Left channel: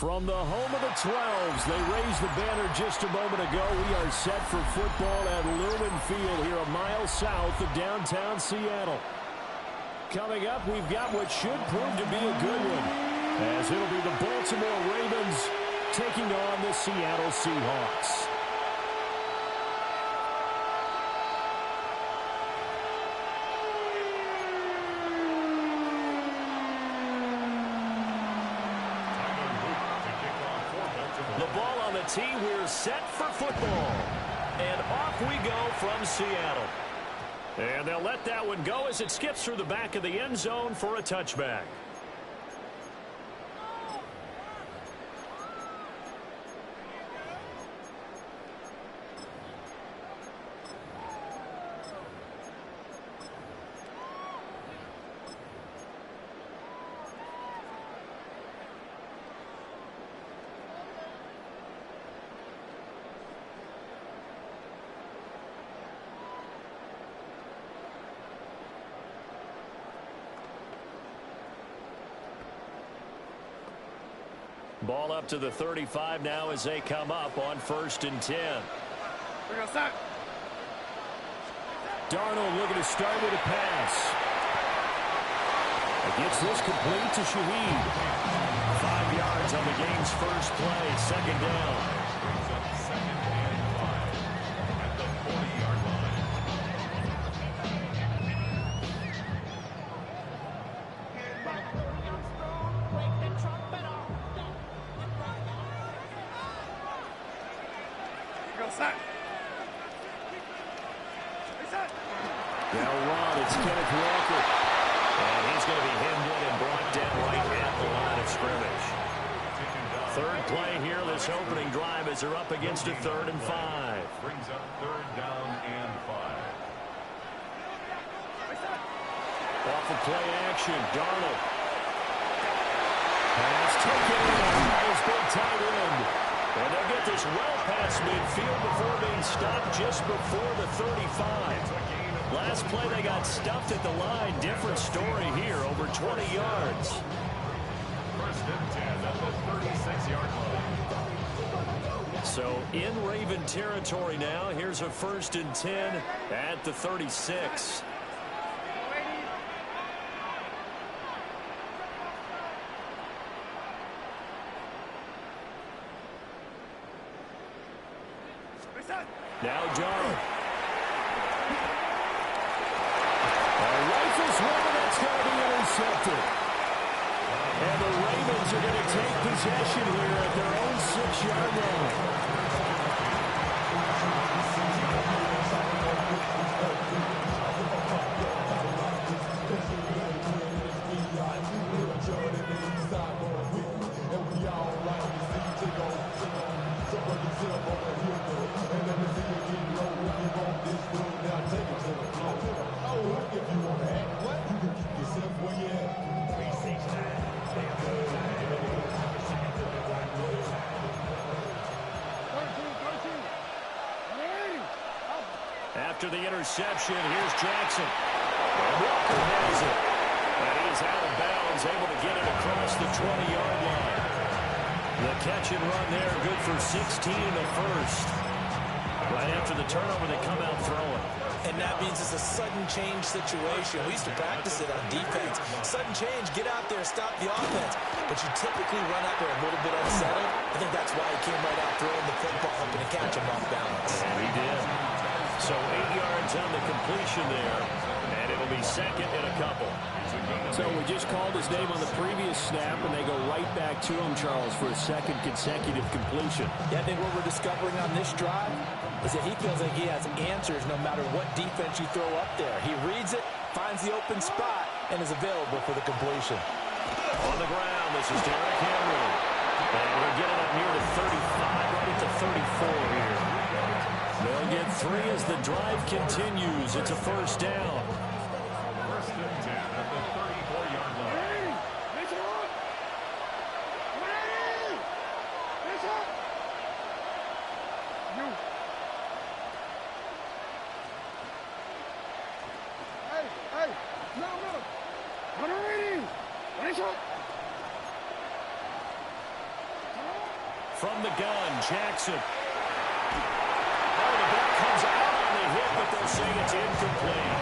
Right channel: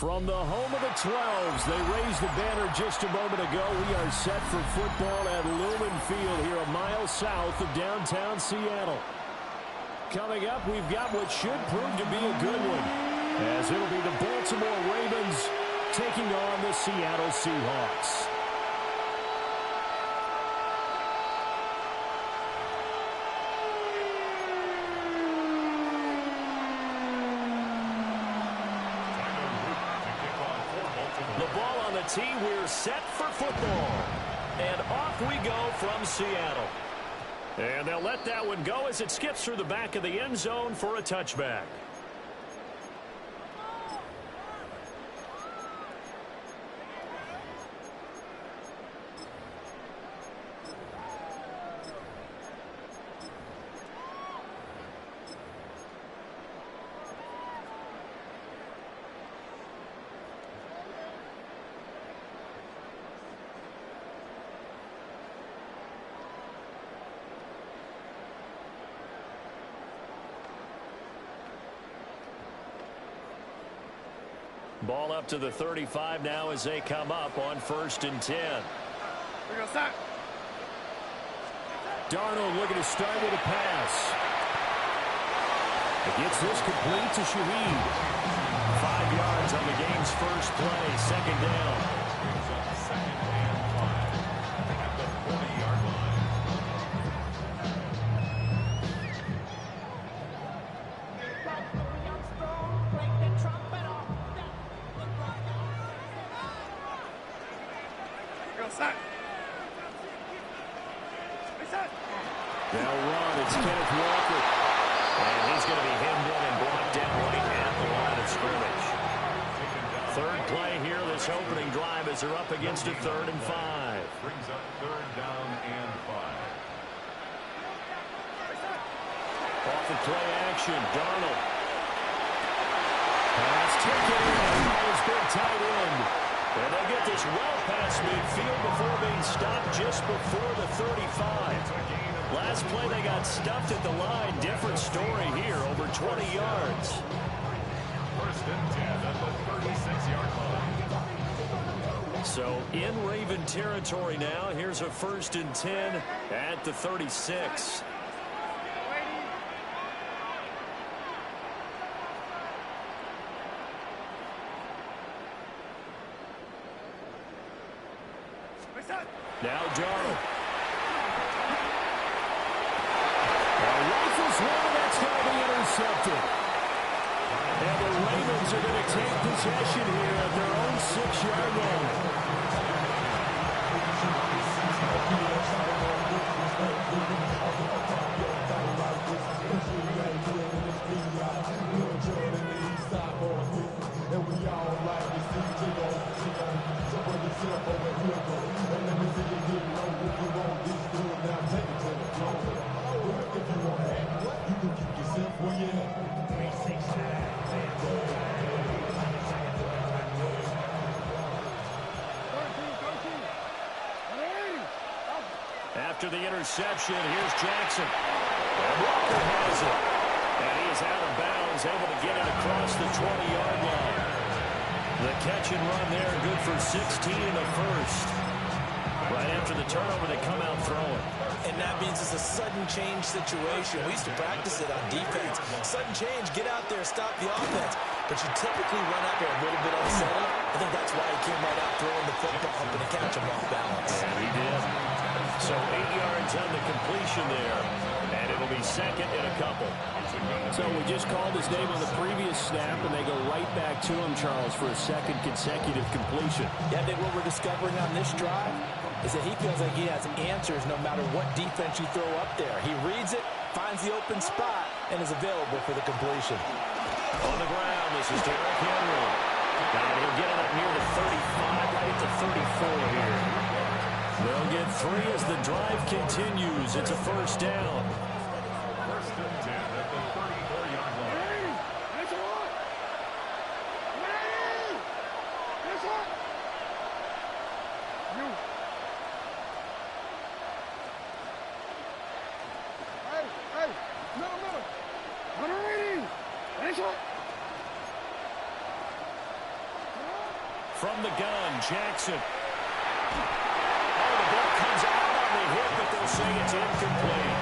From the home of the 12s, they raised the banner just a moment ago. We are set for football at Lumen Field here a mile south of downtown Seattle. Coming up, we've got what should prove to be a good one, as it'll be the Baltimore Ravens taking on the Seattle Seahawks. The ball on the tee, we're set for football. And off we go from Seattle. And they'll let that one go as it skips through the back of the end zone for a touchback. Ball up to the 35 now as they come up on 1st and 10. We're going to start. Darnold looking to start with a pass. It gets this complete to Shaheed. 5 yards on the game's first play, 2nd down. Brings up 2nd and 5 at the 40-yard line. They'll run. It's Kenneth Walker. And he's going to be hemmed in and brought down right at the line of scrimmage. 3rd play here, this opening drive, as they're up against a 3rd and 5. Brings up 3rd down and 5. Off of play action, Darnold. Pass taken in by his big tight end. And they'll get this well past midfield before being stopped just before the 35. Last play they got stuffed at the line. Different story here, over 20 yards. 1st and 10 at the 36-yard line. So in Raven territory now. Here's a 1st and 10 at the 36. Now Darnold. Rifles one, that's going to be intercepted. And the Ravens are going to take possession here at their own 6-yard line. And we all like to see to go. So bring your shit up over here, go. And let me see you get low. If you want this, do it now. Take it to the floor. Oh, if you want to act, what? You can keep yourself where you at. After the interception, here's Jackson. And Walker has it. And he is out of bounds, able to get it across the 20-yard line. The catch and run there, good for 16 and a first. Right after the turnover, they come out throwing. And that means it's a sudden change situation. We used to practice it on defense. Sudden change, get out there, stop the offense. But you typically run out there a little bit unsettled. I think that's why he came right out throwing the football, hoping to catch him off balance. And he did. So 8 yards on the completion there. And it'll be 2nd and a couple. So we just called his name on the previous snap, and they go right back to him, Charles, for a 2nd consecutive completion. Yeah, I think what we're discovering on this drive is that he feels like he has answers no matter what defense you throw up there. He reads it, finds the open spot, and is available for the completion. On the ground, this is Derrick Henry. And he'll get it up near the 35, right at the 34 here. They'll get 3 as the drive continues. It's a 1st down. 1st and 10 at the 34-yard line. Hey, middle. 180. Finish up. From the gun, Jackson. Oh, the ball comes out on the hit, but they'll say it's incomplete.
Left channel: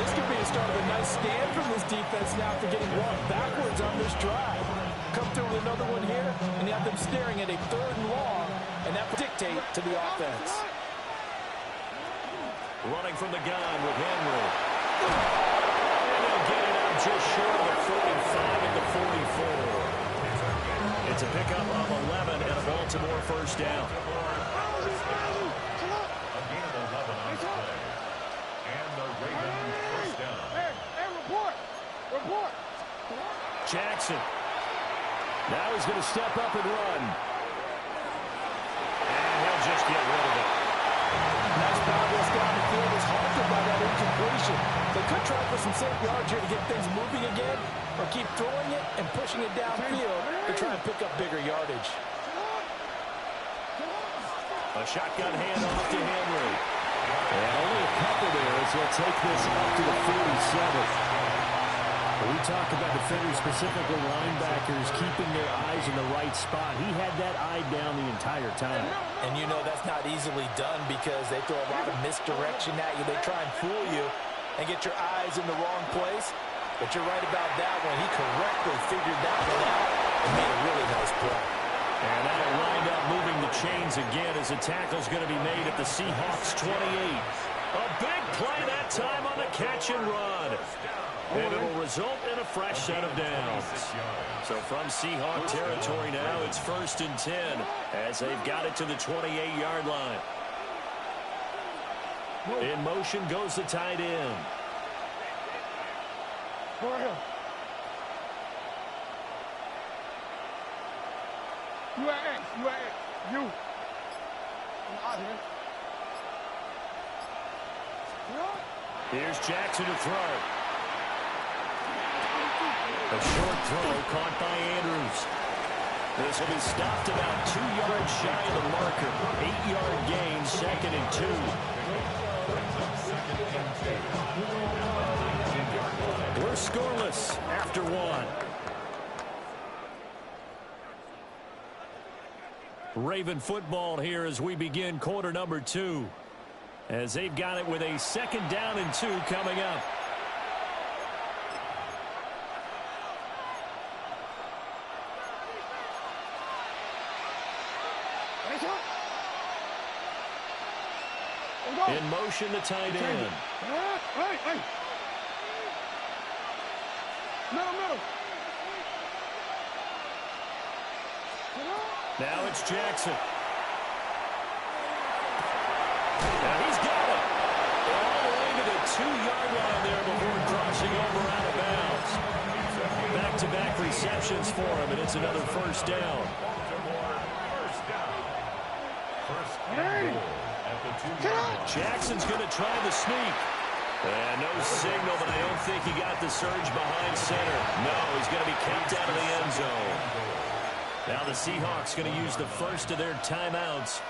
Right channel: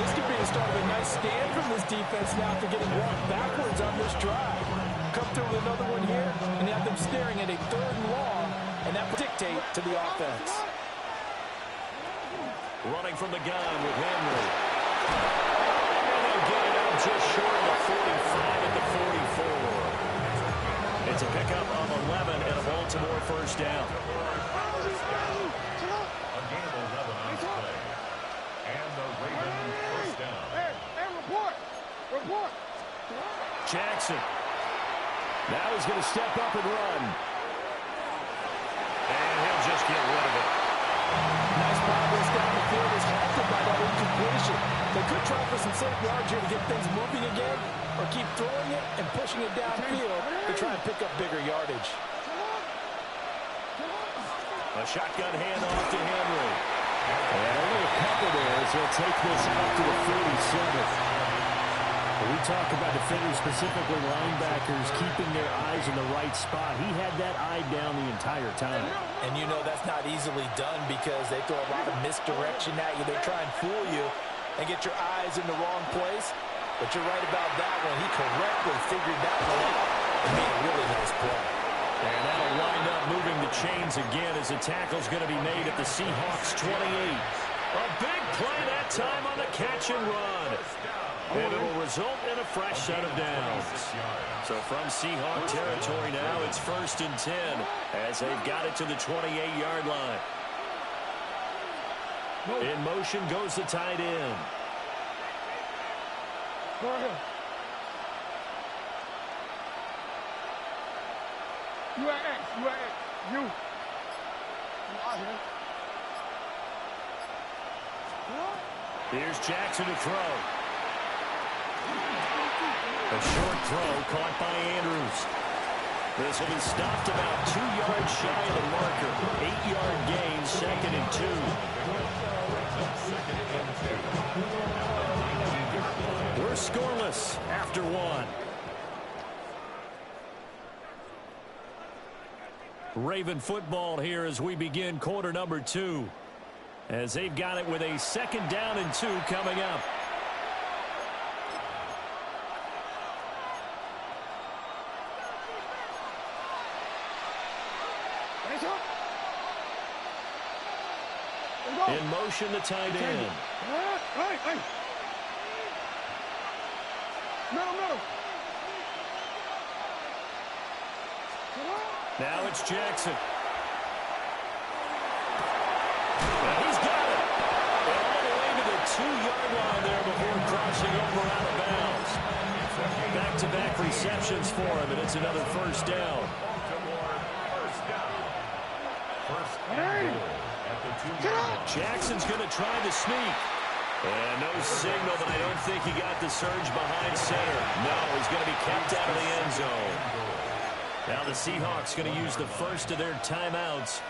This could be the start of a nice stand from this defense now after getting walked backwards on this drive. Come through with another one here, and you have them staring at a 3rd and long, and that will dictate to the offense. Running from the gun with Henry. And they'll get it up just short of the 45 at the 44. It's a pickup of 11 and a Baltimore first down. A gain of 11 on the play. And the Ravens first down. Hey, report. Report. Jackson. Now he's going to step up and run. And he'll just get rid of it. Nice progress down the field is halted by that incompletion. They could try for some safe yards here to get things moving again, or keep throwing it and pushing it downfield to try and pick up bigger yardage. A shotgun handoff to Henry. And only a couple there as he'll take this up to the 47. When we talk about defenders, specifically linebackers, keeping their eyes in the right spot, he had that eye down the entire time. And you know that's not easily done because they throw a lot of misdirection at you. They try and fool you and get your eyes in the wrong place. But you're right about that one. He correctly figured that one out and made a really nice play. And that'll wind up moving the chains again as the tackle's going to be made at the Seahawks 28. A big play that time on the catch and run. And it will result in a fresh set of downs. So from Seahawk territory now, it's 1st and 10 as they've got it to the 28-yard line. In motion goes the tight end. Go ahead. You at X. You at X. You. I'm out here. Here's Jackson to throw. A short throw caught by Andrews. This will be stopped about 2 yards shy of the marker. 8-yard gain, 2nd and 2. We're scoreless after 1. Raven football here as we begin quarter number 2. As they've got it with a 2nd down and 2 coming up. In motion, the tight end. Hey. Middle. Now it's Jackson. Now he's got it. And all the way to the 2-yard line there before crossing over out of bounds. Back-to-back receptions for him, and it's another first down. First and goal at the 2-yard line. Jackson's going to try the sneak. And no signal, but I don't think he got the surge behind center. No, he's going to be kept out of the end zone. Now the Seahawks going to use the first of their timeouts.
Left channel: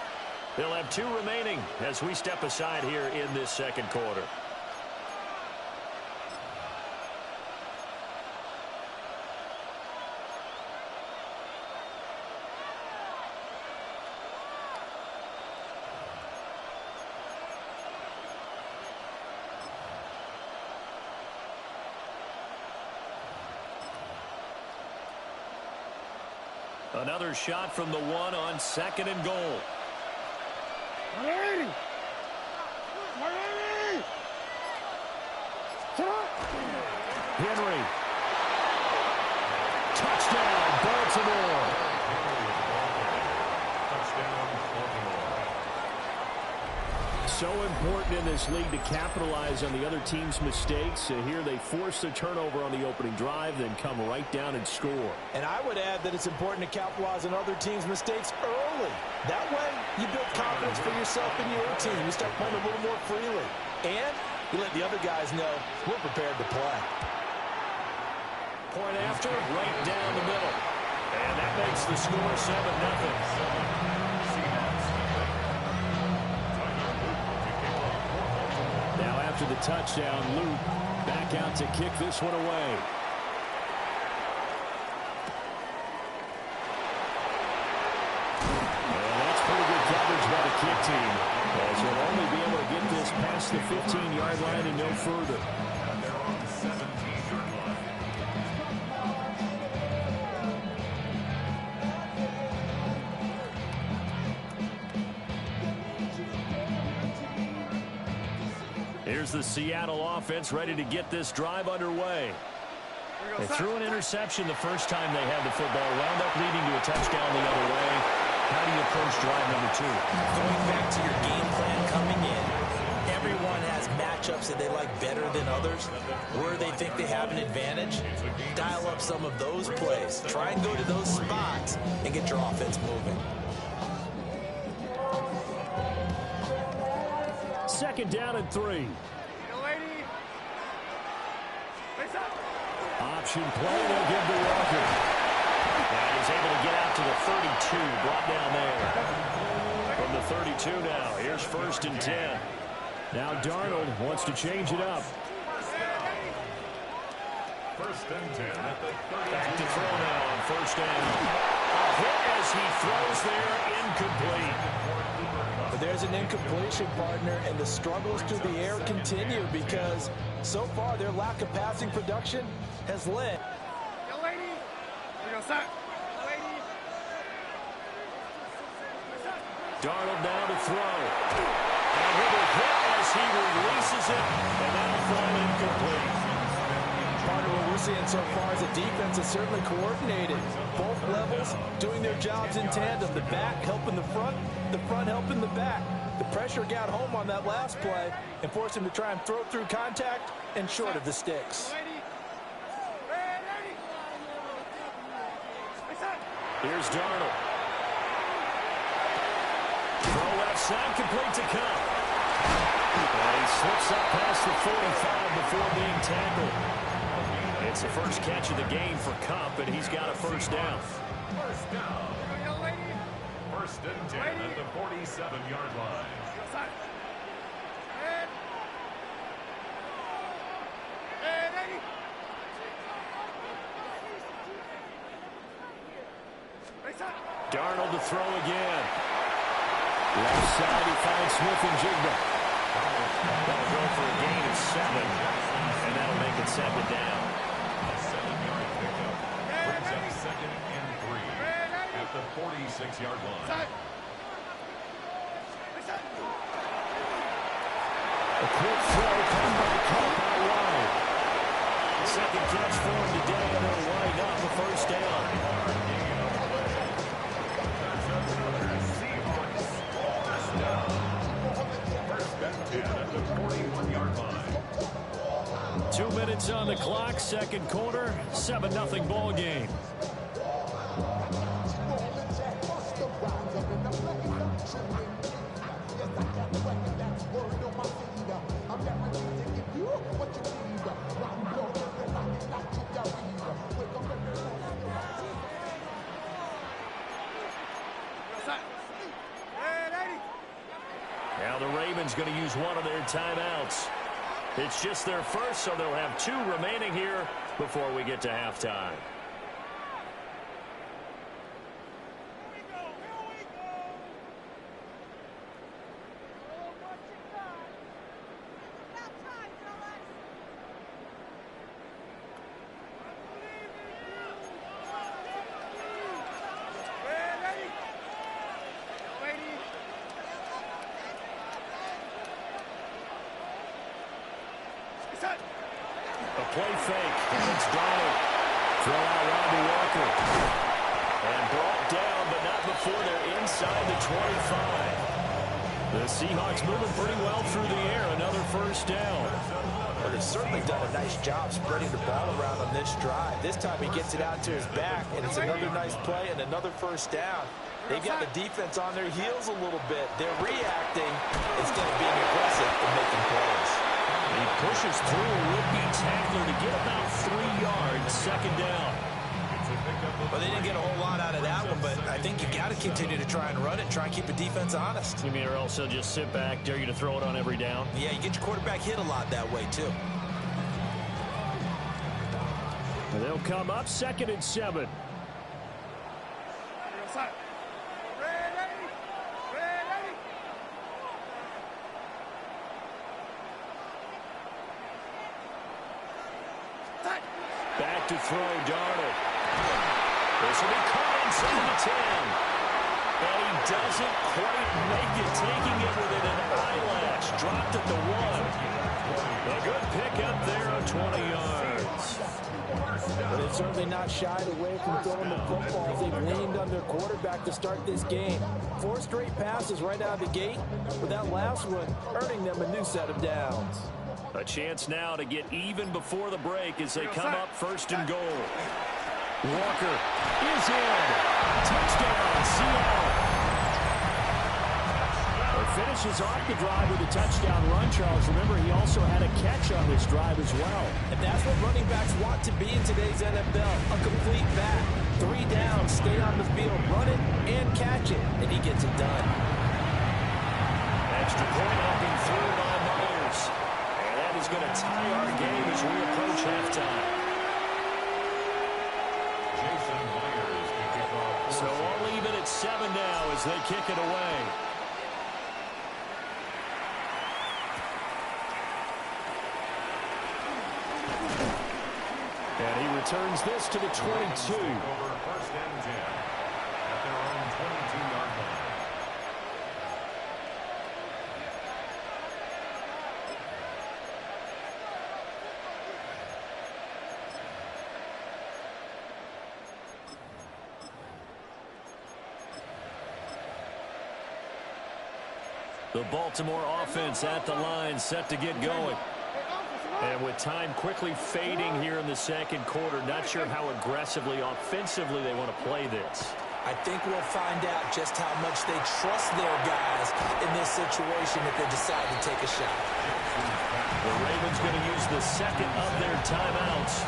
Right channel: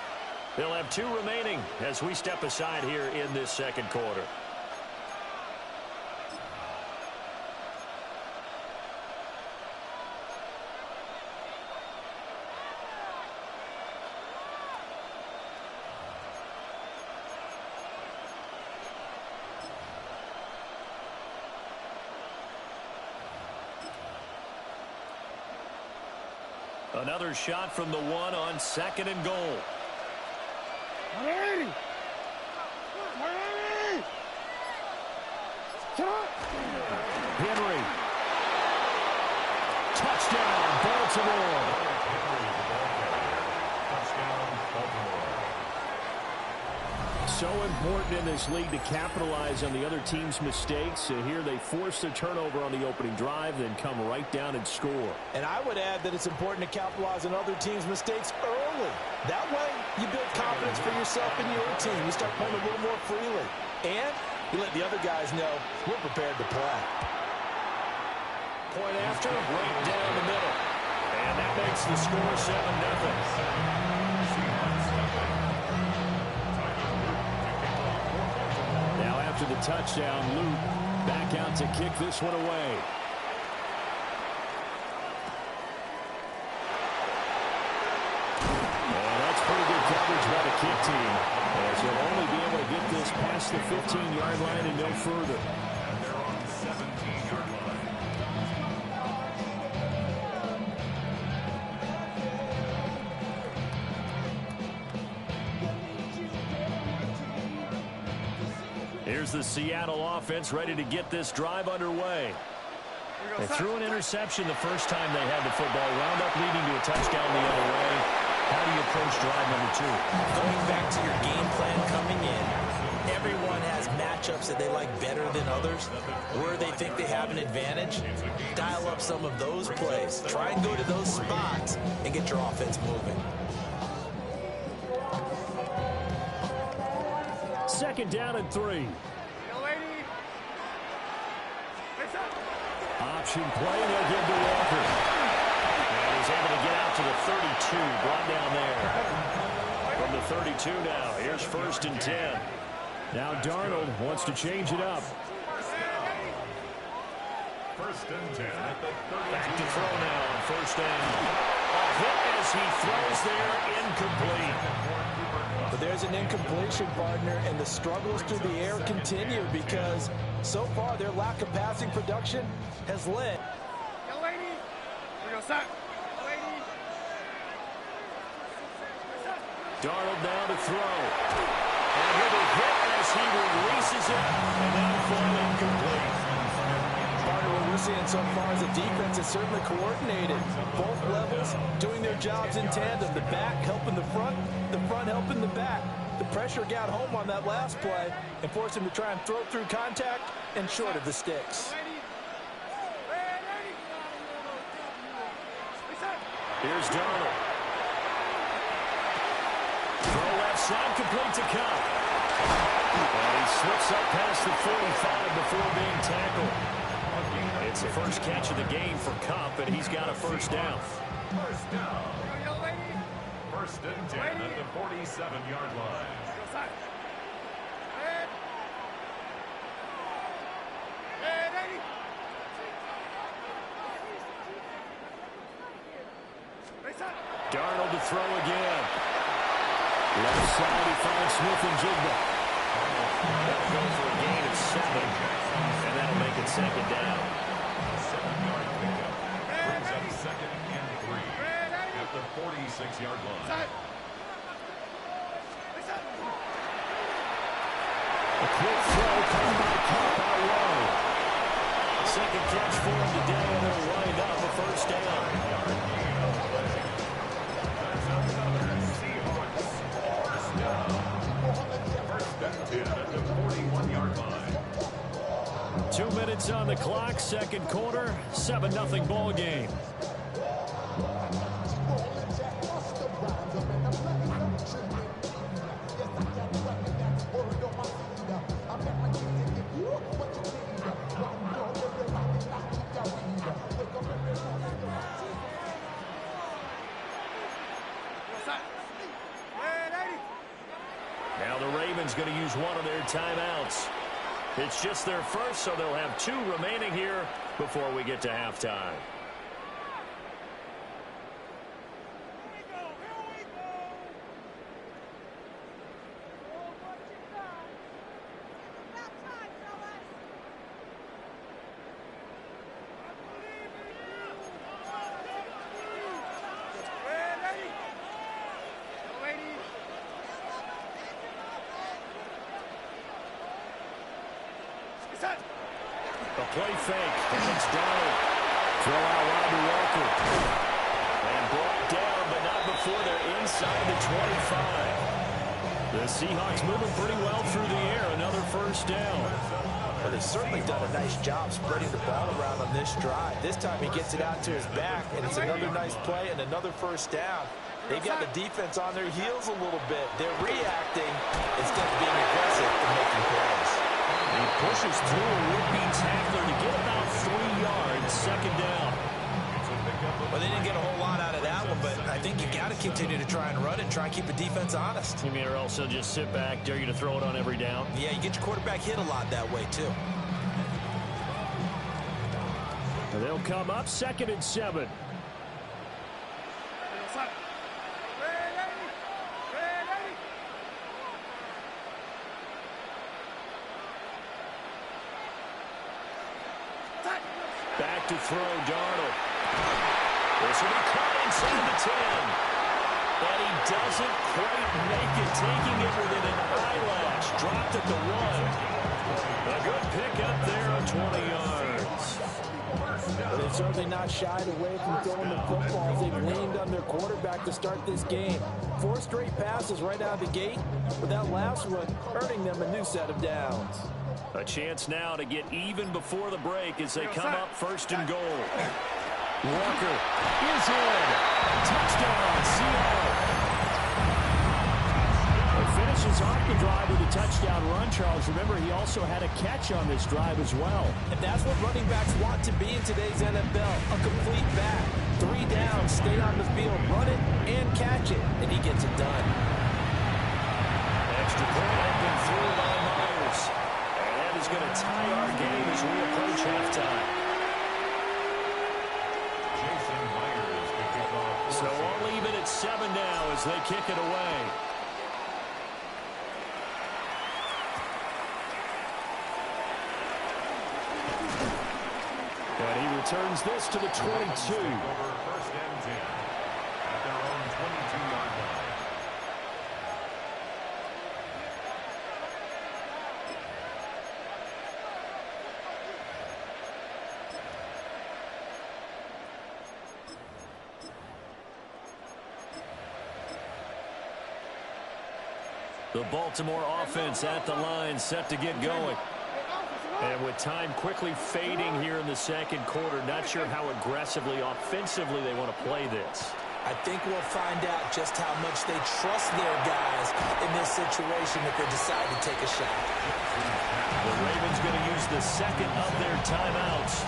They'll have 2 remaining as we step aside here in this second quarter. Another shot from the 1 on 2nd and goal. Henry! Henry. Touchdown, Baltimore. Touchdown, Baltimore. So important in this league to capitalize on the other team's mistakes. Here they force the turnover on the opening drive, then come right down and score. And I would add that it's important to capitalize on other teams' mistakes early. That way, you build confidence for yourself and your team. You start playing a little more freely. And you let the other guys know we're prepared to play. Point after, right down the middle. And that makes the score 7-0. Now after the touchdown, Luke back out to kick this one away. coverage by the kick team, as he'll only be able to get this past the 15-yard line and no further. And they're on the 17-yard line. Here's the Seattle offense ready to get this drive underway. They threw an interception the first time they had the football, wound up leading to a touchdown the other way. How do you approach drive number 2? Going back to your game plan coming in, everyone has matchups that they like better than others. Where they think they have an advantage, dial up some of those plays. Try and go to those spots and get your offense moving. Second down and 3. Option play, they'll give to Walker. And he's able to get out to the 32, brought down there. From the 32 now, here's 1st and 10. Now Darnold wants to change it up. 1st and 10 at the 32. Back to throw now on 1st down. A hit as he throws there, incomplete. But there's an incompletion, partner, and the struggles through the air continue because so far their lack of passing production has led. Yo, lady. We go, stop. Lady. Darnold now to throw. And he'll be hit as he releases it, and that'll fall incomplete. Partner, what we're seeing so far is the defense is certainly coordinated. Both levels doing their jobs in tandem. The back helping the front helping the back. The pressure got home on that last play and forced him to try and throw through contact and short of the sticks. Here's Darnold. Throw left side, complete to Cup. And he slips up past the 45 before being tackled. It's the first catch of the game for Cup, and he's got a 1st down. 1st down. 1st and 10 at the 47-yard line. Darnold to throw again. Left side, he finds Smith and Jigba. That'll go for a gain of 7, and that'll make it 2nd down. A 7-yard pickup brings up 2nd and 3 at the 46-yard line. A quick throw caught by Cup out wide. Second catch for him today, and it'll wind up a 1st down. That's another Seahawks 1st down. 1st and 10 at the 41-yard line. 2 minutes on the clock, 2nd quarter, 7-0 ball game. Now the Ravens going to use one of their timeouts. It's just their first, so they'll have 2 remaining here before we get to halftime. A play fake, and it's Darnold. Throw out wide to Walker. And brought down, but not before they're inside the 25. The Seahawks moving pretty well through the air. Another 1st down. Well, they've certainly done a nice job spreading the ball around on this drive. This time he gets it out to his back, and it's another nice play and another 1st down. They've got the defense on their heels a little bit. They're reacting instead of being aggressive and making plays. He pushes through a would-be tackler to get about 3 yards, 2nd down. Well, they didn't get a whole lot out of that one, but I think you got to continue to try and run it and try and keep the defense honest. You mean, or else they'll just sit back, dare you to throw it on every down? Yeah, you get your quarterback hit a lot that way, too. They'll come up 2nd and 7. Back to throw, Darnold. This will be caught inside the 10. And he doesn't quite make it, taking it within an eyelash. Dropped at the 1. A good pickup there of 20 yards. But they've certainly not shied away from throwing the football. They've leaned on their quarterback to start this game. 4 straight passes right out of the gate, with that last one earning them a new set of downs. A chance now to get even before the break as they come up 1st and goal. Walker is in. Touchdown, Seattle. It finishes off the drive with a touchdown run, Charles. Remember, he also had a catch on this drive as well. And that's what running backs want to be in today's NFL, a complete back. 3 downs, stay on the field, run it, and catch it, and he gets it done. Extra point up and through by Myers. And that is going to tie our game as we approach halftime. So all even at 7 now as they kick it away. And he returns this to the 22. Over 1st and 10 at their own 22-yard line. The Baltimore offense at the line, set to get going. And with time quickly fading here in the second quarter, not sure how aggressively, offensively they want to play this. I think we'll find out just how much they trust their guys in this situation if they decide to take a shot. The Ravens going to use the second of their timeouts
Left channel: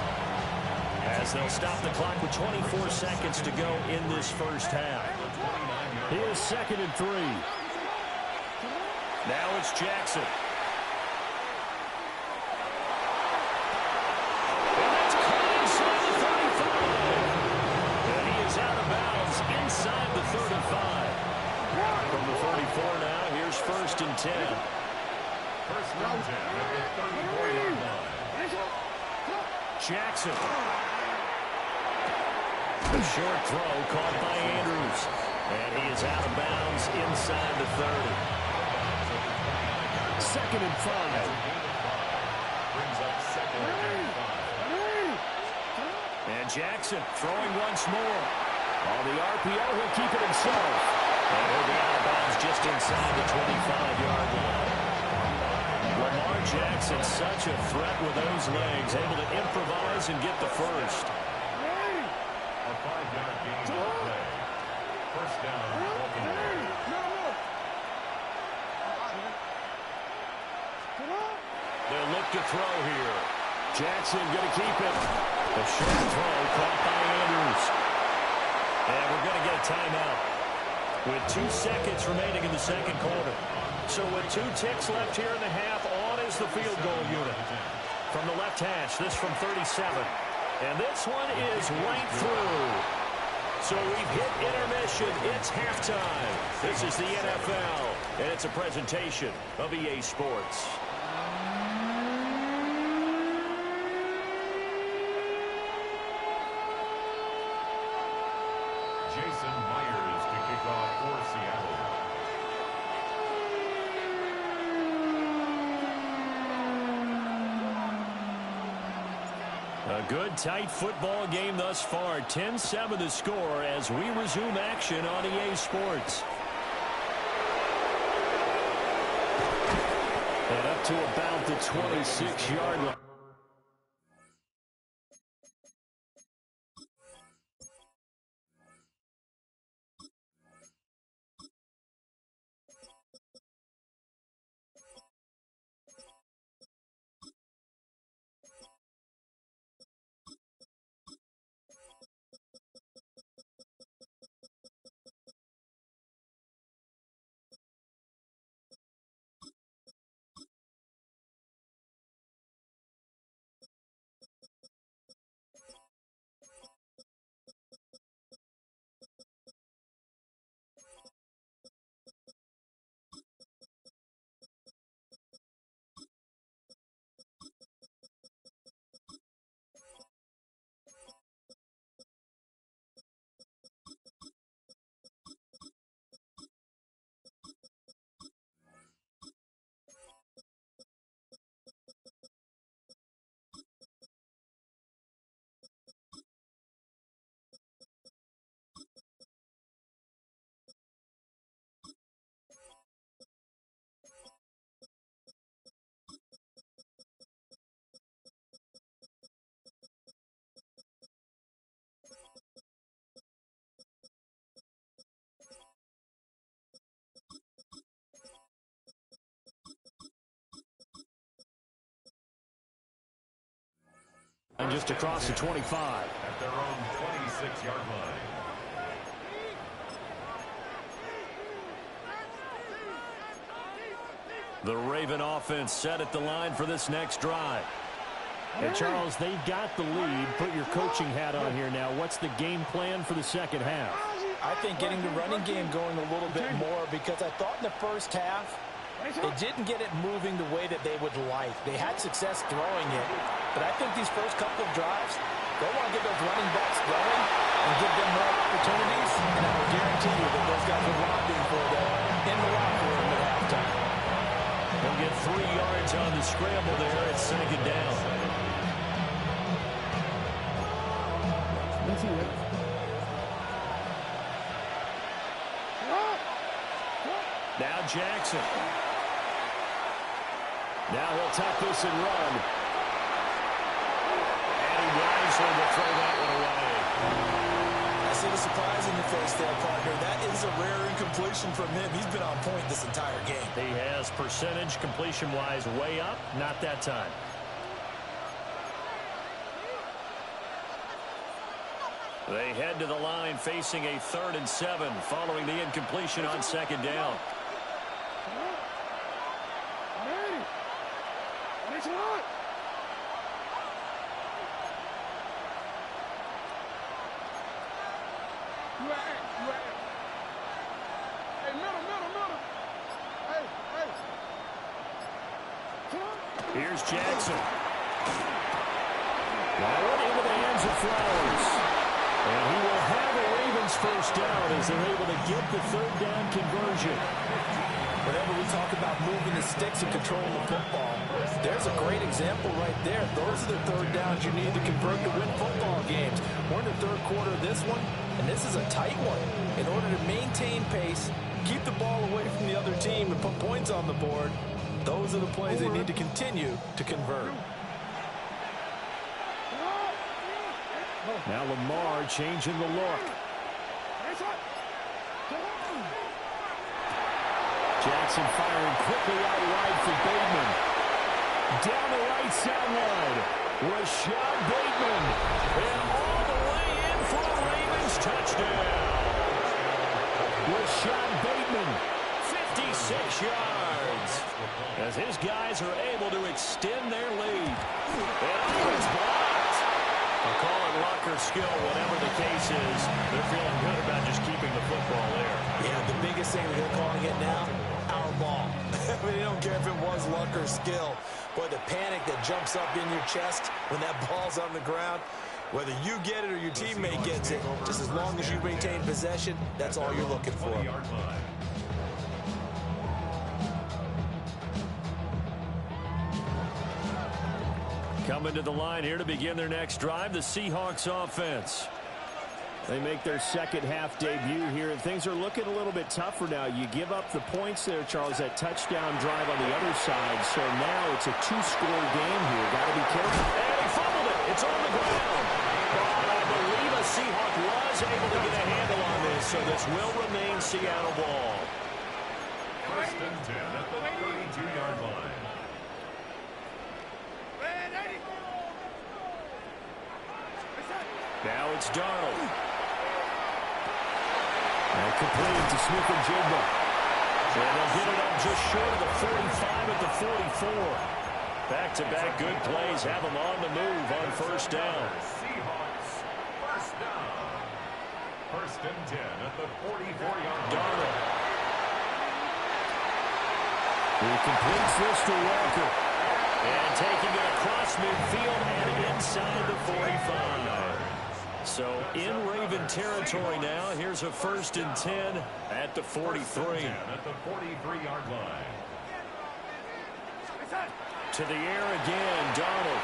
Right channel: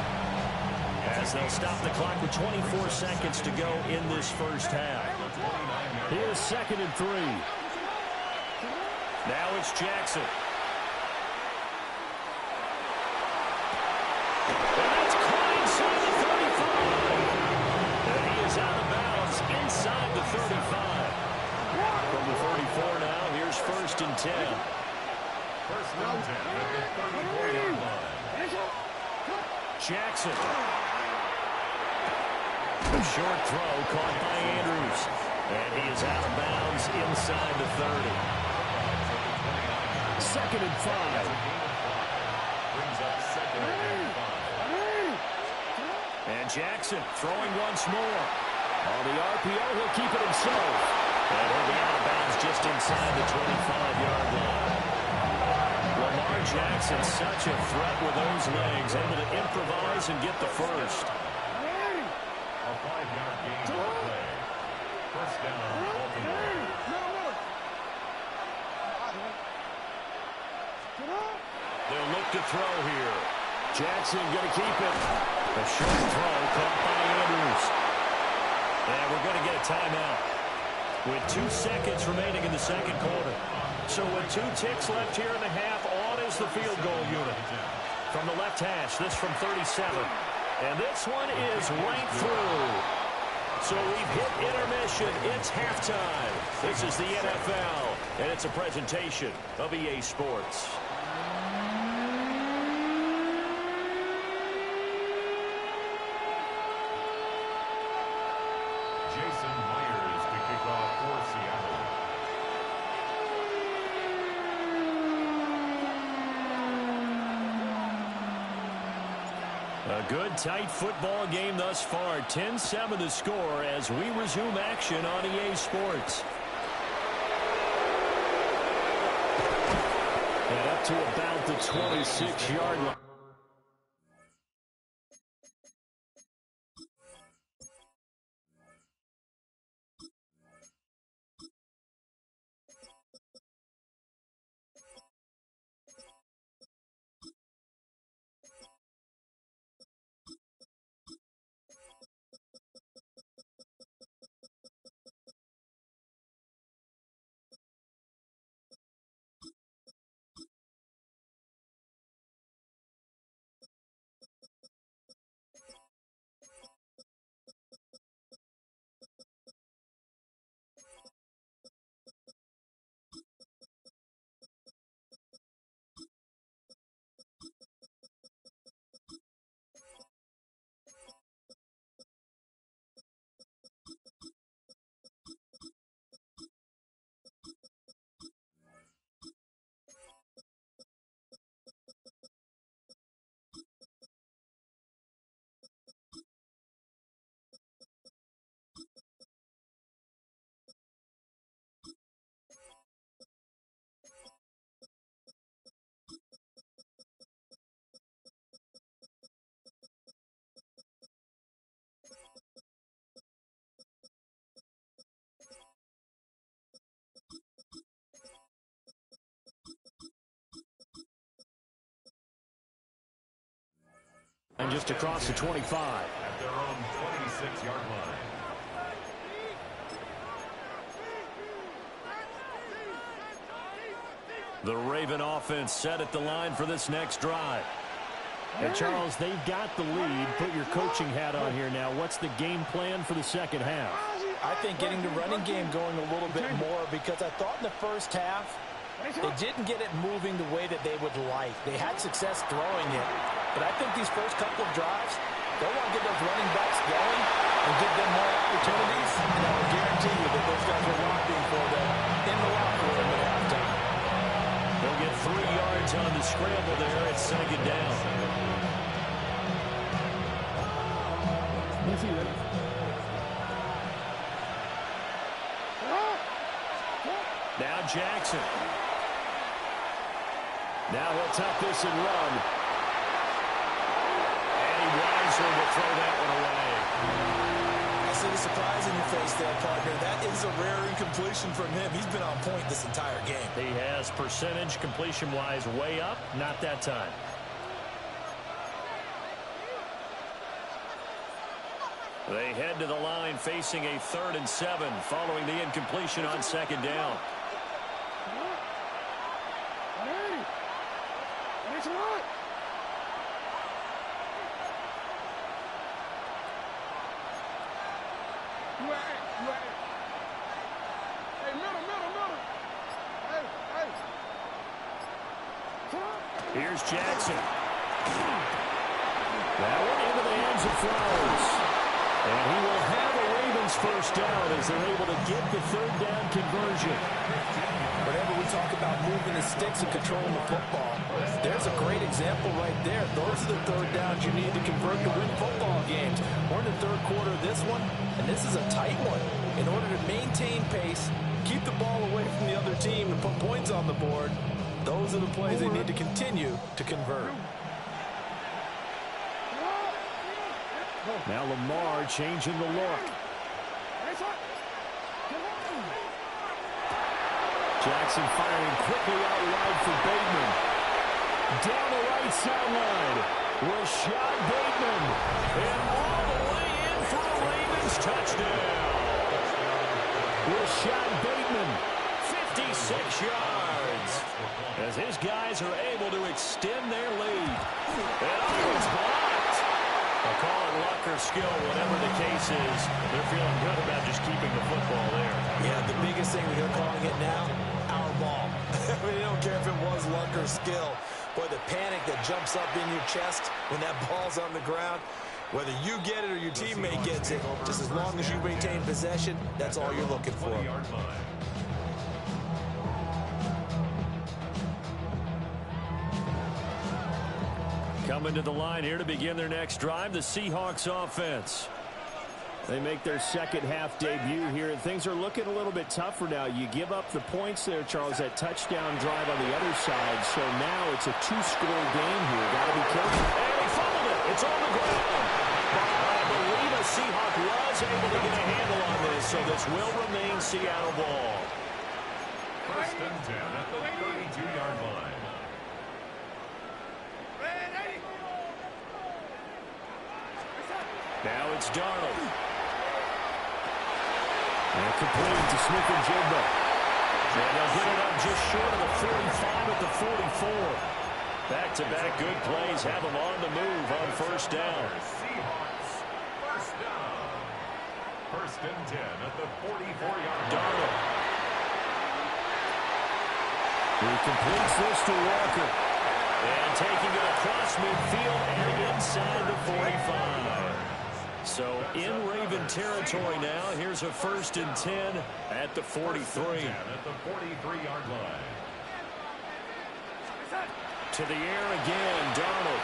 as they'll stop the clock with 24 seconds to go in this first half. Here's 2nd and 3. Now it's Jackson. And that's caught inside the 35. And he is out of bounds inside the 35. From the 34 now, here's 1st and 10. 1st and 10 at the 34-yard line. Jackson. A short throw caught by Andrews. And he is out of bounds inside the 30. 2nd and 5. Brings up 2nd and 5. And Jackson throwing once more. On the RPO, he'll keep it himself. And he'll be out of bounds just inside the 25-yard line. Lamar Jackson, such a threat with those legs, able to improvise and get the first. A 5-yard gain on the play. 1st down, Baltimore. They'll look to throw here. Jackson going to keep it. A short throw caught by Andrews. And we're going to get a timeout with 2 seconds remaining in the second quarter. So with 2 ticks left here in the half, on is the field goal unit. From the left hash, this from 37. And this one is right through. So we've hit intermission. It's halftime. This is the NFL, and it's a presentation of EA Sports. Jason Myers to kick off for Seattle. A good, tight football game thus far. 10-7 the score as we resume action on EA Sports. And up to about the 26-yard line. And just across the 25. At their own 26-yard line. The Raven offense set at the line for this next drive. And Charles, they've got the lead. Put your coaching hat on here now. What's the game plan for the second half? I think getting the running game going a little bit more, because I thought in the first half they didn't get it moving the way that they would like. They had success throwing it, but I think these first couple of drives, they'll want to get those running backs going and give them more opportunities, and I will guarantee you that those guys are lobbying for them in the locker room at halftime. They'll get 3 yards on the scramble there at second down. Now Jackson. Now he'll tuck this and run. And he wisely will throw that one away. I see the surprise in your face there, partner. That is a rare incompletion from him. He's been on point this entire game. He has percentage completion-wise way up. Not that time. They head to the line facing a 3rd and 7 following the incompletion on second down. Here's Jackson. That one into the hands of Flowers. And he will have a Ravens first down as they're able to get the 3rd down conversion. Whenever we talk about moving the sticks and controlling the football, there's a great example right there. Those are the 3rd downs you need to convert to win football games. We're in the 3rd quarter of this one, and this is a tight one. In order to maintain pace, keep the ball away from the other team, and put points on the board, those are the plays they need to continue to convert. Now Lamar changing the look. Jackson firing quickly out wide for Bateman. Down the right sideline. Rashad Bateman. And all the way in for a Ravens touchdown. Rashad Bateman, 56 yards. As his guys are able to extend their lead. And it's blocked. I'll call it luck or skill, whatever the case is. They're feeling good about just keeping the football there. Yeah, the biggest thing that they're calling it now, our ball. I mean, they don't care if it was luck or skill. Boy, the panic that jumps up in your chest when that ball's on the ground, whether you get it or your teammate gets it, just as long as you maintain possession, that's all you're looking for. Coming to the line here to begin their next drive, the Seahawks offense. They make their second half debut here, and things are looking a little bit tougher now. You give up the points there, Charles, that touchdown drive on the other side. So now it's a 2-score game here. Got to be careful. And he fumbled it. It's on the ground. But I believe a Seahawk was able to get a handle on this, so this will remain Seattle ball. 1st and 10 at the 32-yard line. Now it's Darnold. And completed to Smith-Njigba. And they'll get it up just short of the 45 at the 44. Back-to-back good plays have them on the move on 1st down. Seahawks, 1st down. 1st and 10 at the 44-yard line. Darnold. He completes this to Walker. And taking it across midfield and inside the 45. So in Raven territory now. Here's a 1st and 10 at the 43. At the 43-yard line. To the air again, Darnold.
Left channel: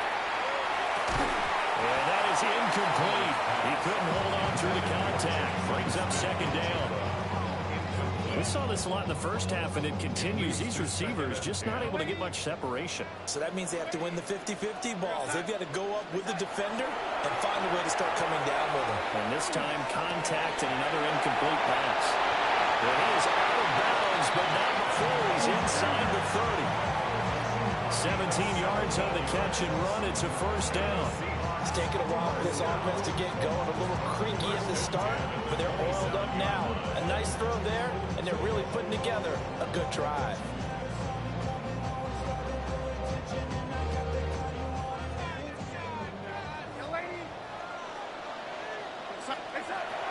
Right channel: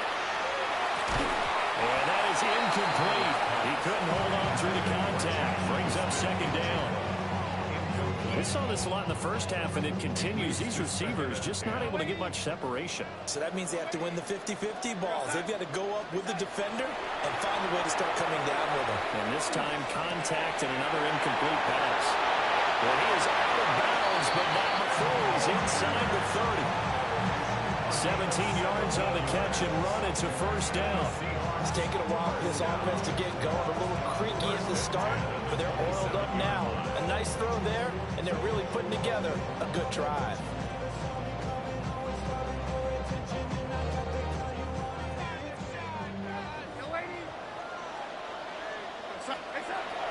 And that is incomplete. He couldn't hold on through the contact. Brings up 2nd down. We saw this a lot in the first half, and it continues. These receivers just not able to get much separation. So that means they have to win the 50-50 balls. They've got to go up with the defender and find a way to start coming down with him. And this time, contact and another incomplete pass. And he is out of bounds, but not before he's inside the 30. 17 yards on the catch and run. It's a 1st down. It's taken a while for this offense to get going. A little creaky at the start, but they're oiled up now. A nice throw there, and they're really putting together a good drive.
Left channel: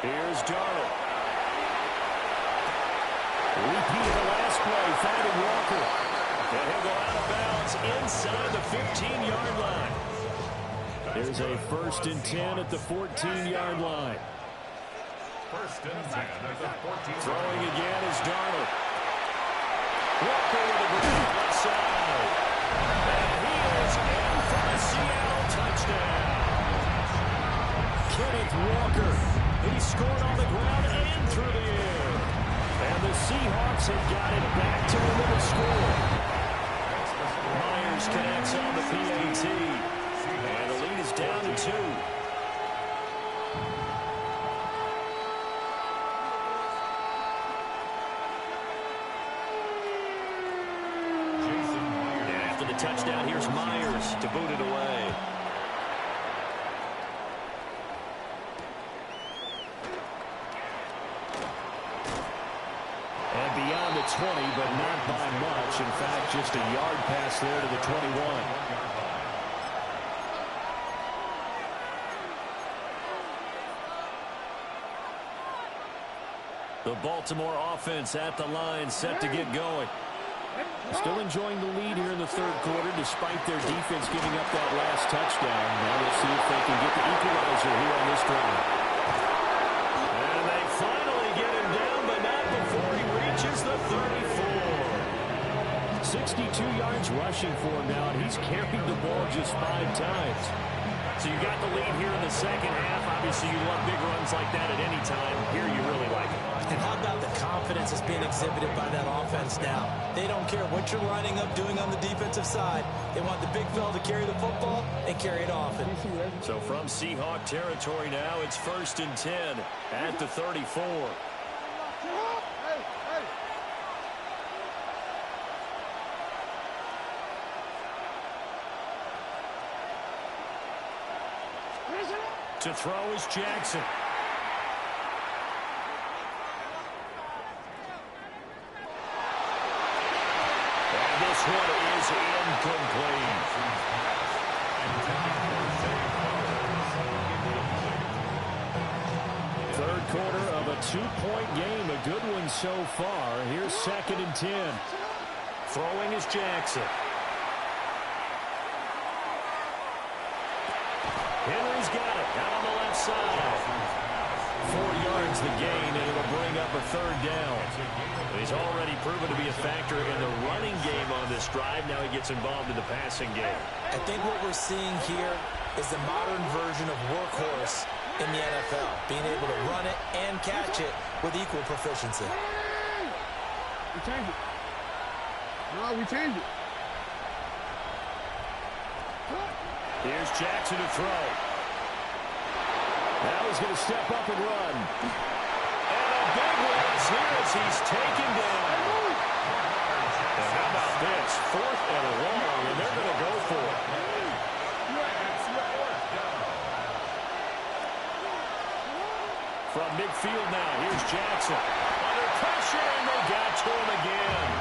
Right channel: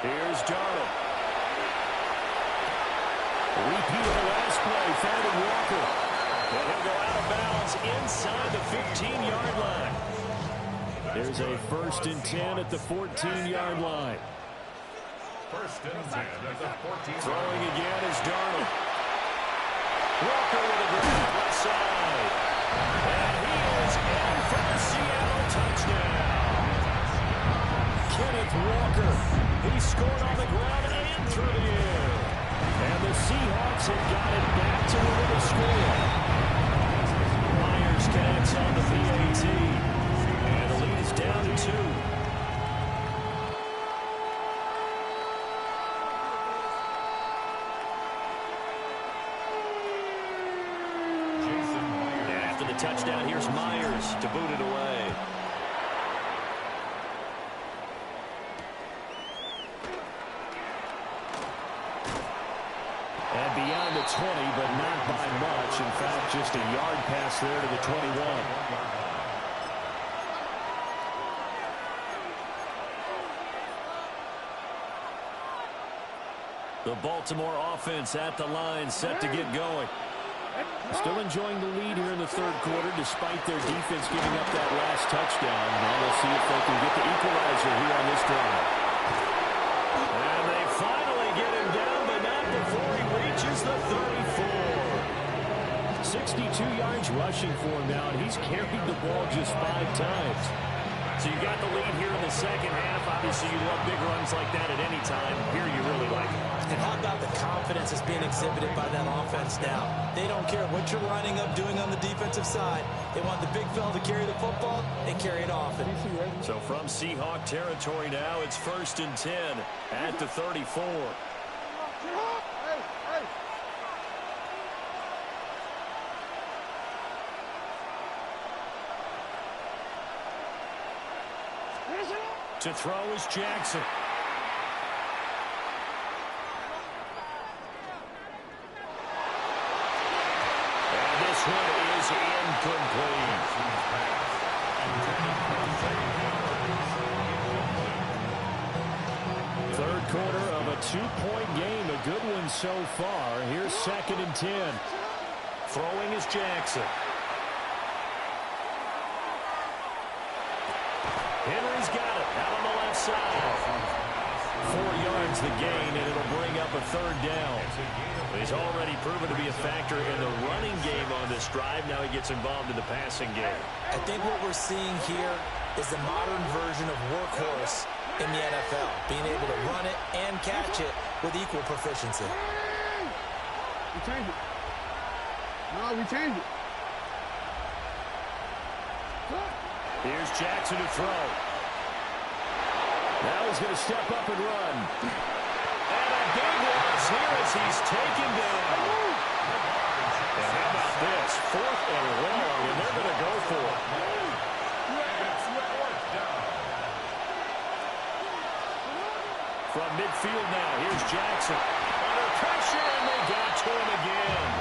Here's Darnold. Repeat of the last play, finding Walker. And he'll go out of bounds inside the 15-yard line. There's a 1st and 10 at the 14-yard line. 1st and 10 at the 14. Throwing again is Darnold. Walker with a grab left side. And he is in for the Seattle touchdown. Kenneth Walker. He scored on the ground and through the air. And the Seahawks have got it back to within a score. Myers connects on the PAT. And the lead is down to 2. After the touchdown, here's Myers to boot it away. And beyond the 20, but not by much. In fact, just a yard pass there to the 21. The Baltimore offense at the line, set to get going. Still enjoying the lead here in the 3rd quarter, despite their defense giving up that last touchdown. Now we'll see if they can get the equalizer here on this drive. And they finally get him down, but not before he reaches the 34. 62 yards rushing for him now, and he's carried the ball just 5 times. So you got the lead here in the 2nd half. Obviously, you love big runs like that at any time. Here you really like it. And how about the confidence that's being exhibited by that offense now? They don't care what you're lining up doing on the defensive side. They want the big fella to carry the football and carry it often. So from Seahawk territory now, it's 1st and 10 at the 34. To throw is Jackson. And this one is incomplete. Third quarter of a 2-point game. A good one so far. Here's 2nd and 10. Throwing is Jackson. Henry's got it out on the left side. 4 yards the gain, and it'll bring up a 3rd down. He's already proven to be a factor in the running game on this drive. Now he gets involved in the passing game. I think what we're seeing here is the modern version of workhorse in the NFL, being able to run it and catch it with equal proficiency. We changed it. No, we changed it. Here's Jackson to throw. Now he's going to step up and run. And a big loss here as he's taken down. And how about this? 4th and long, and they're going to go for it. From midfield now, here's Jackson. Under pressure, and they got to him again.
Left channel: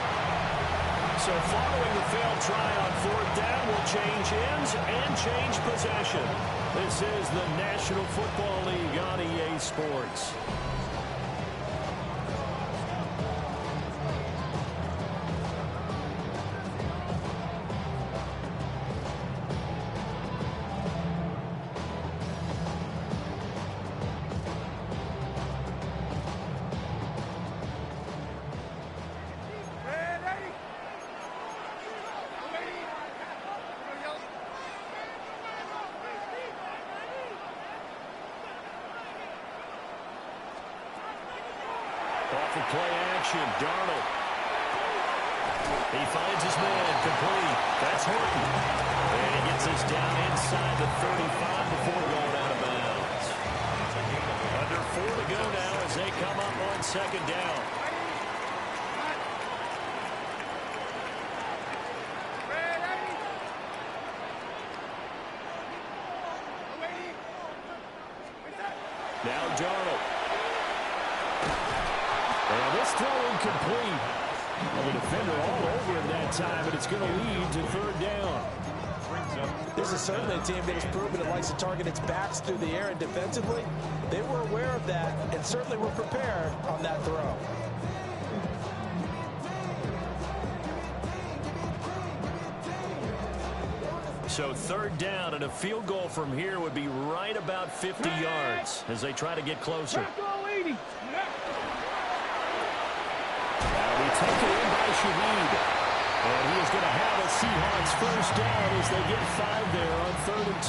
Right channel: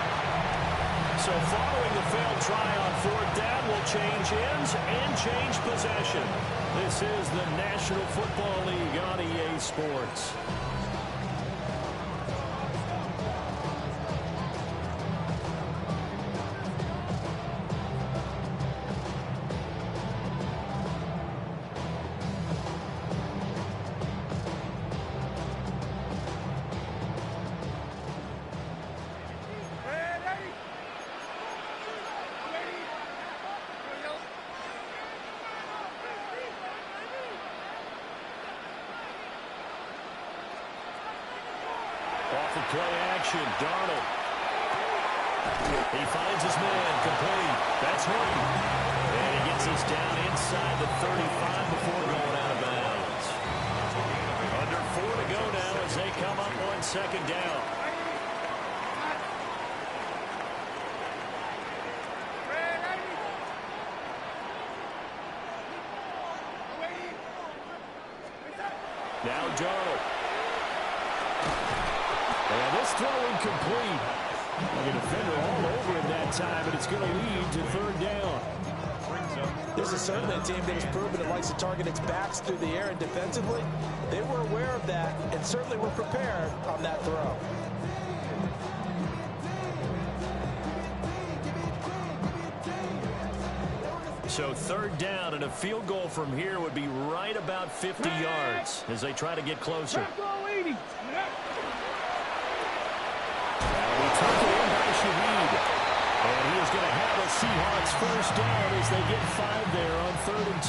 So following the failed try on 4th down will change ends and change possession. This is the National Football League on EA Sports. Off of play action, Darnold. He finds his man, complete. That's Horton. And he gets us down inside the 35 before going out of bounds. Under 4 to go now as they come up on 2nd down. Now Darnold. And this throw incomplete. And the defender all over him that time, and it's going to lead to third down. This is certainly a team that has proven it likes to target its backs through the air, and defensively, they were aware of that and certainly were prepared on that throw. So third down, and a field goal from here would be right about 50 yards as they try to get closer. That'll be taken in by Shaheed. And he is going to have a Seahawks first down as they get 5 there on 3rd and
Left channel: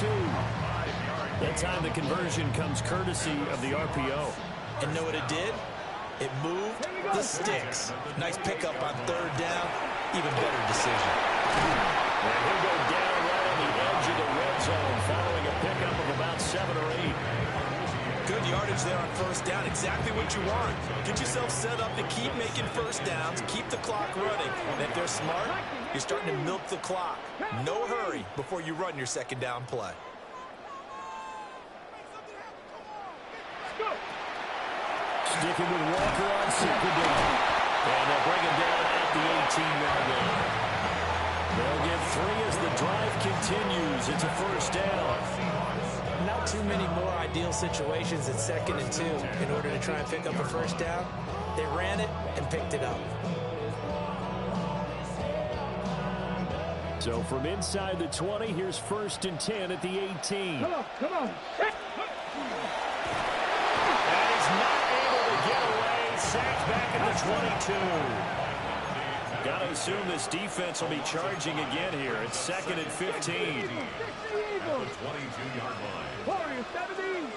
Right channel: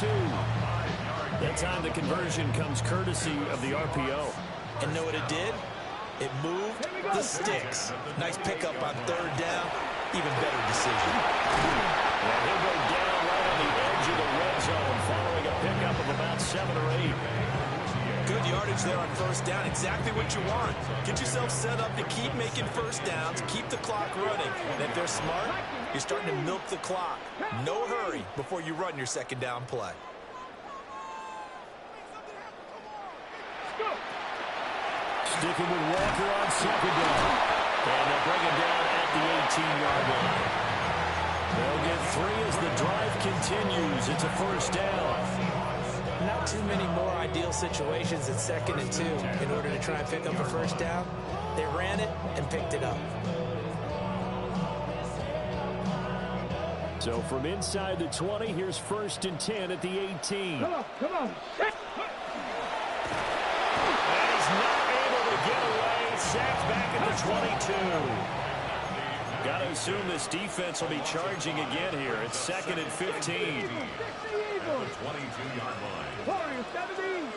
2. That time the conversion comes courtesy of the RPO. And know what it did? It moved the sticks. Nice pickup on 3rd down. Even better decision. And he'll go down right on the edge of the red zone following a pickup of about 7 or 8. Good yardage there on 1st down. Exactly what you want. Get yourself set up to keep making 1st downs, keep the clock running. And if they're smart, you're starting to milk the clock. No hurry before you run your 2nd down play. Sticking with Walker on 2nd down. And they'll bring him down at the 18-yard line. They'll get 3 as the drive continues. It's a 1st down. Not too many more ideal situations at 2nd and 2 in order to try and pick up a 1st down. They ran it and picked it up. So from inside the 20, here's 1st and 10 at the 18. Come on. And he's not able to get away. Sacked back at the 22. Got to assume this defense will be charging again here. It's 2nd and 15. At the 22-yard line. 17.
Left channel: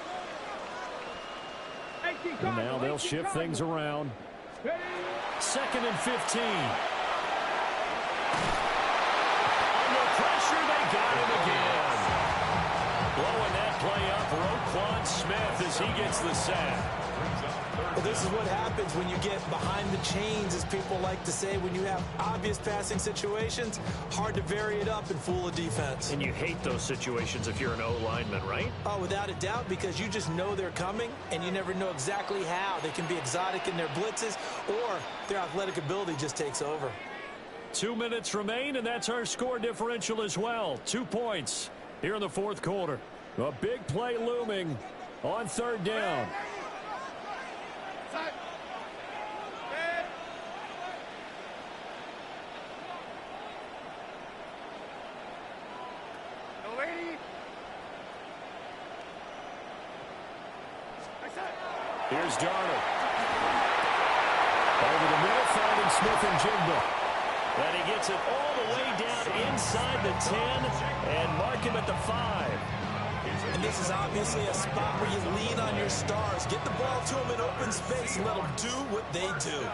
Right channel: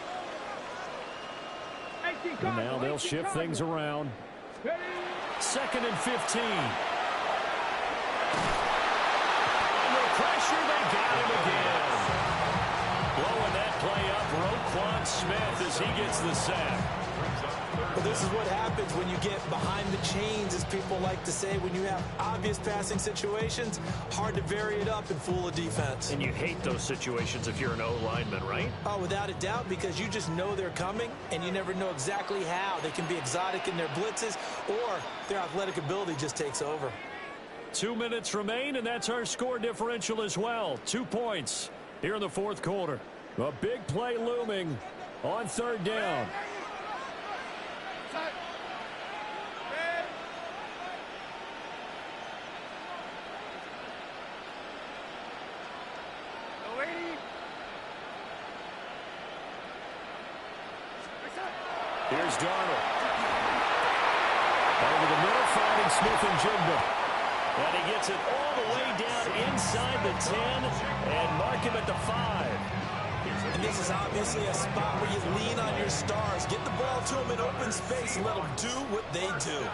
And now they'll shift things around. 2nd and 15. Under pressure, they got him again. Blowing that play up, Roquan Smith as he gets the sack. Well, this is what happens when you get behind the chains, as people like to say. When you have obvious passing situations, hard to vary it up and fool a defense. And you hate those situations if you're an O-lineman, right? Oh, without a doubt, because you just know they're coming, and you never know exactly how. They can be exotic in their blitzes, or their athletic ability just takes over. 2 minutes remain, and that's our score differential as well. 2 points here in the 4th quarter. A big play looming on 3rd down. Here's Darnold. Over the middle, finding Smith and Jigba. And he gets it all the way down inside the 10 and mark him at the 5. And this is obviously a spot where you lean on your stars. Get the ball to them in open space and let them do what they do.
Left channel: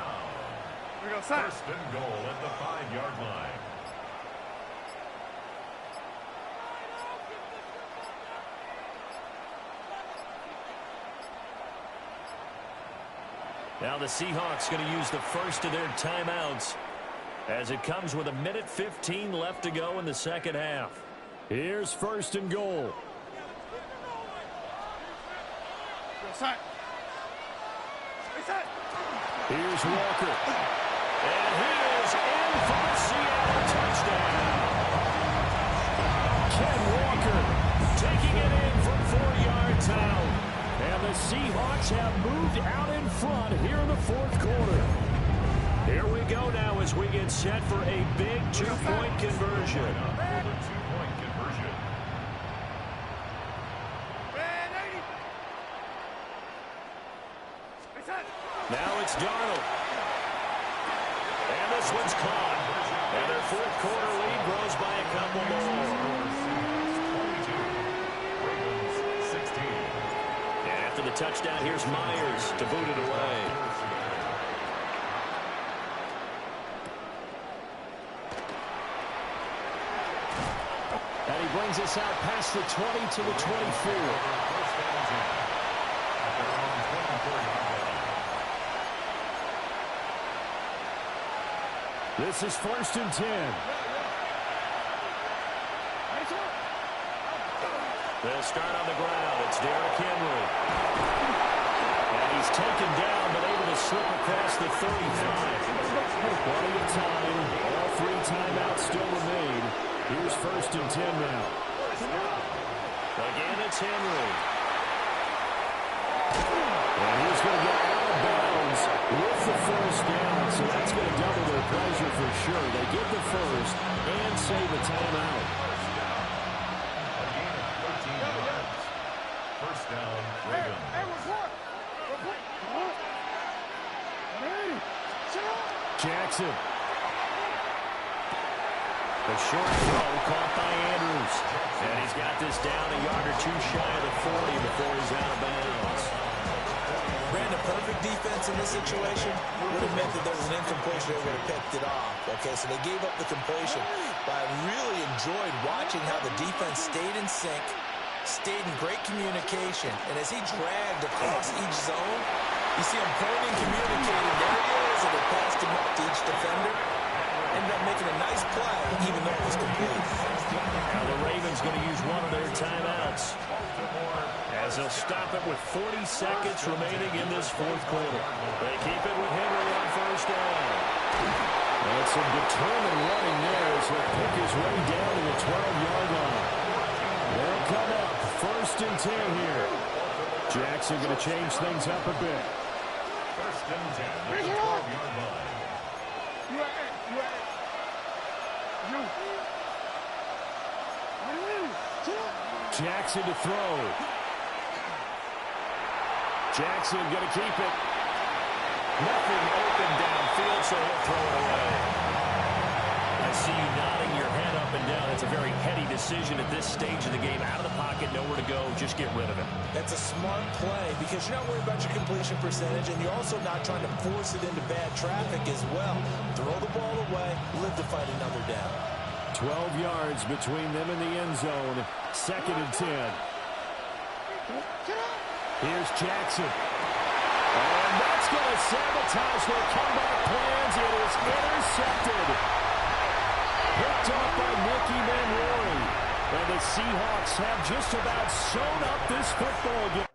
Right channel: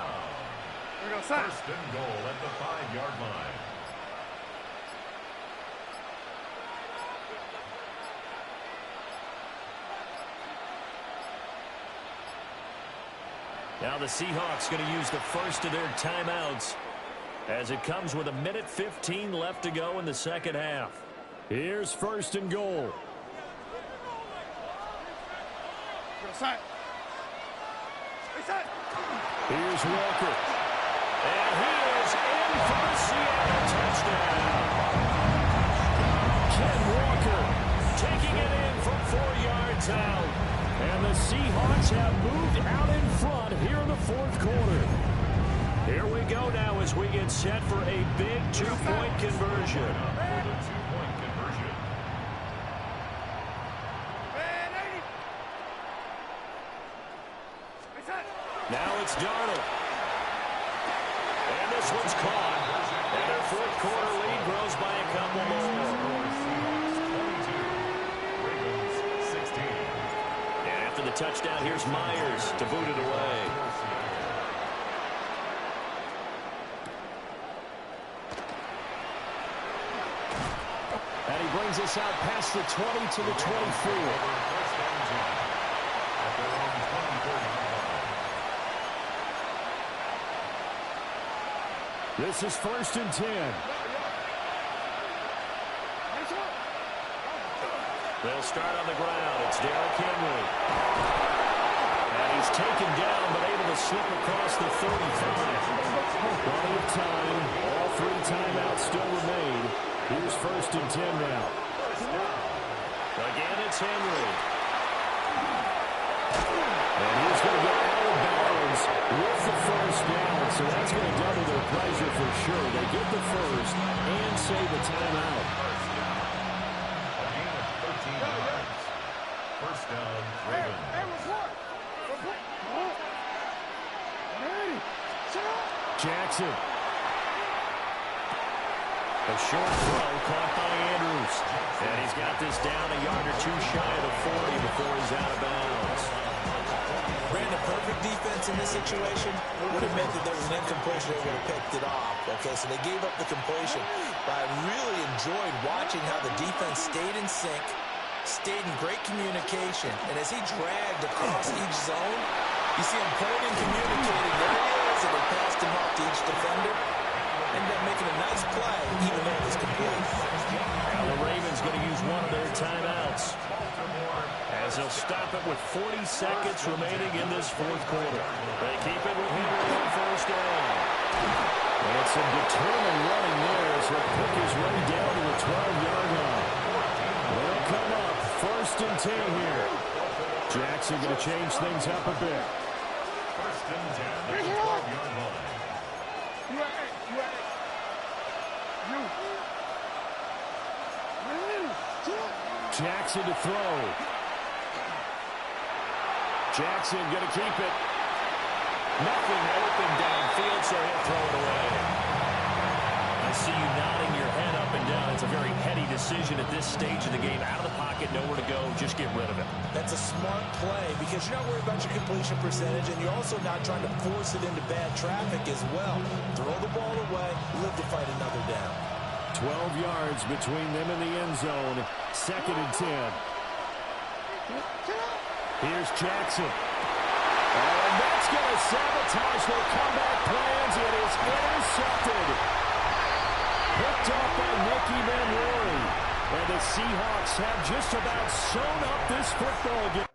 1st and goal at the 5-yard line. Now the Seahawks going to use the first of their timeouts as it comes with 1:15 left to go in the 2nd half. Here's 1st and goal. Here's Walker. And he is in for the Seattle touchdown. Ken Walker taking it in from 4 yards out. And the Seahawks have moved out in front here in the 4th quarter. Here we go now as we get set for a big 2-point conversion. For the 2-point conversion. Now it's Darnold. And this one's caught. And their 4th quarter lead grows by a couple more. 22, Ravens 16. And after the touchdown, here's Myers to boot it away. And he brings us out past the 20 to the 24. 1st and 10 at their own 24-yard line. This is 1st and 10. They'll start on the ground. It's Derrick Henry. And he's taken down, but able to slip across the 35. Plenty of time. All 3 timeouts still remain. Here's 1st and 10 now. Again, it's Henry. And he's going to get out of bounds with the 1st down, so that's going to double their pleasure for sure. They get the 1st and save a timeout. Again, 13 yards. 1st down, Ravens. Jackson. A short throw caught by Andrews. And he's got this down a yard or 2 shy of the 40 before he's out of bounds. Brandon, perfect defense in this situation would have meant that there was an incompletion. They would have picked it off. Okay, so they gave up the completion. But I really enjoyed watching how the defense stayed in sync, stayed in great communication. And as he dragged across each zone, you see him pointing, communicating. There he is, and they passed him off to each defender. Ended up making a nice play, even though it was complete. Now the Ravens going to use one of their timeouts, as they'll stop it with 40 seconds remaining in this 4th quarter. They keep it with Henry on 1st down. And some determined running there as he'll pick his way down to the 12-yard line. They'll come up 1st and 10 here. Jackson going to change things up a bit. 1st and 10 at the 12-yard line. Jackson to throw. Jackson going to keep it. Nothing open downfield, so he'll throw it away. I see you nodding your head up and down. It's a very heady decision at this stage of the game. Out of the pocket, nowhere to go. Just get rid of it. That's a smart play because you're not worried about your completion percentage, and you're also not trying to force it into bad traffic as well. Throw the ball away, live to fight another down. 12 yards between them and the end zone. 2nd and 10. Here's Jackson. And that's going to sabotage their comeback plans. It is intercepted. Picked off by Nicky Manrory. And the Seahawks have just about sewn up this football game.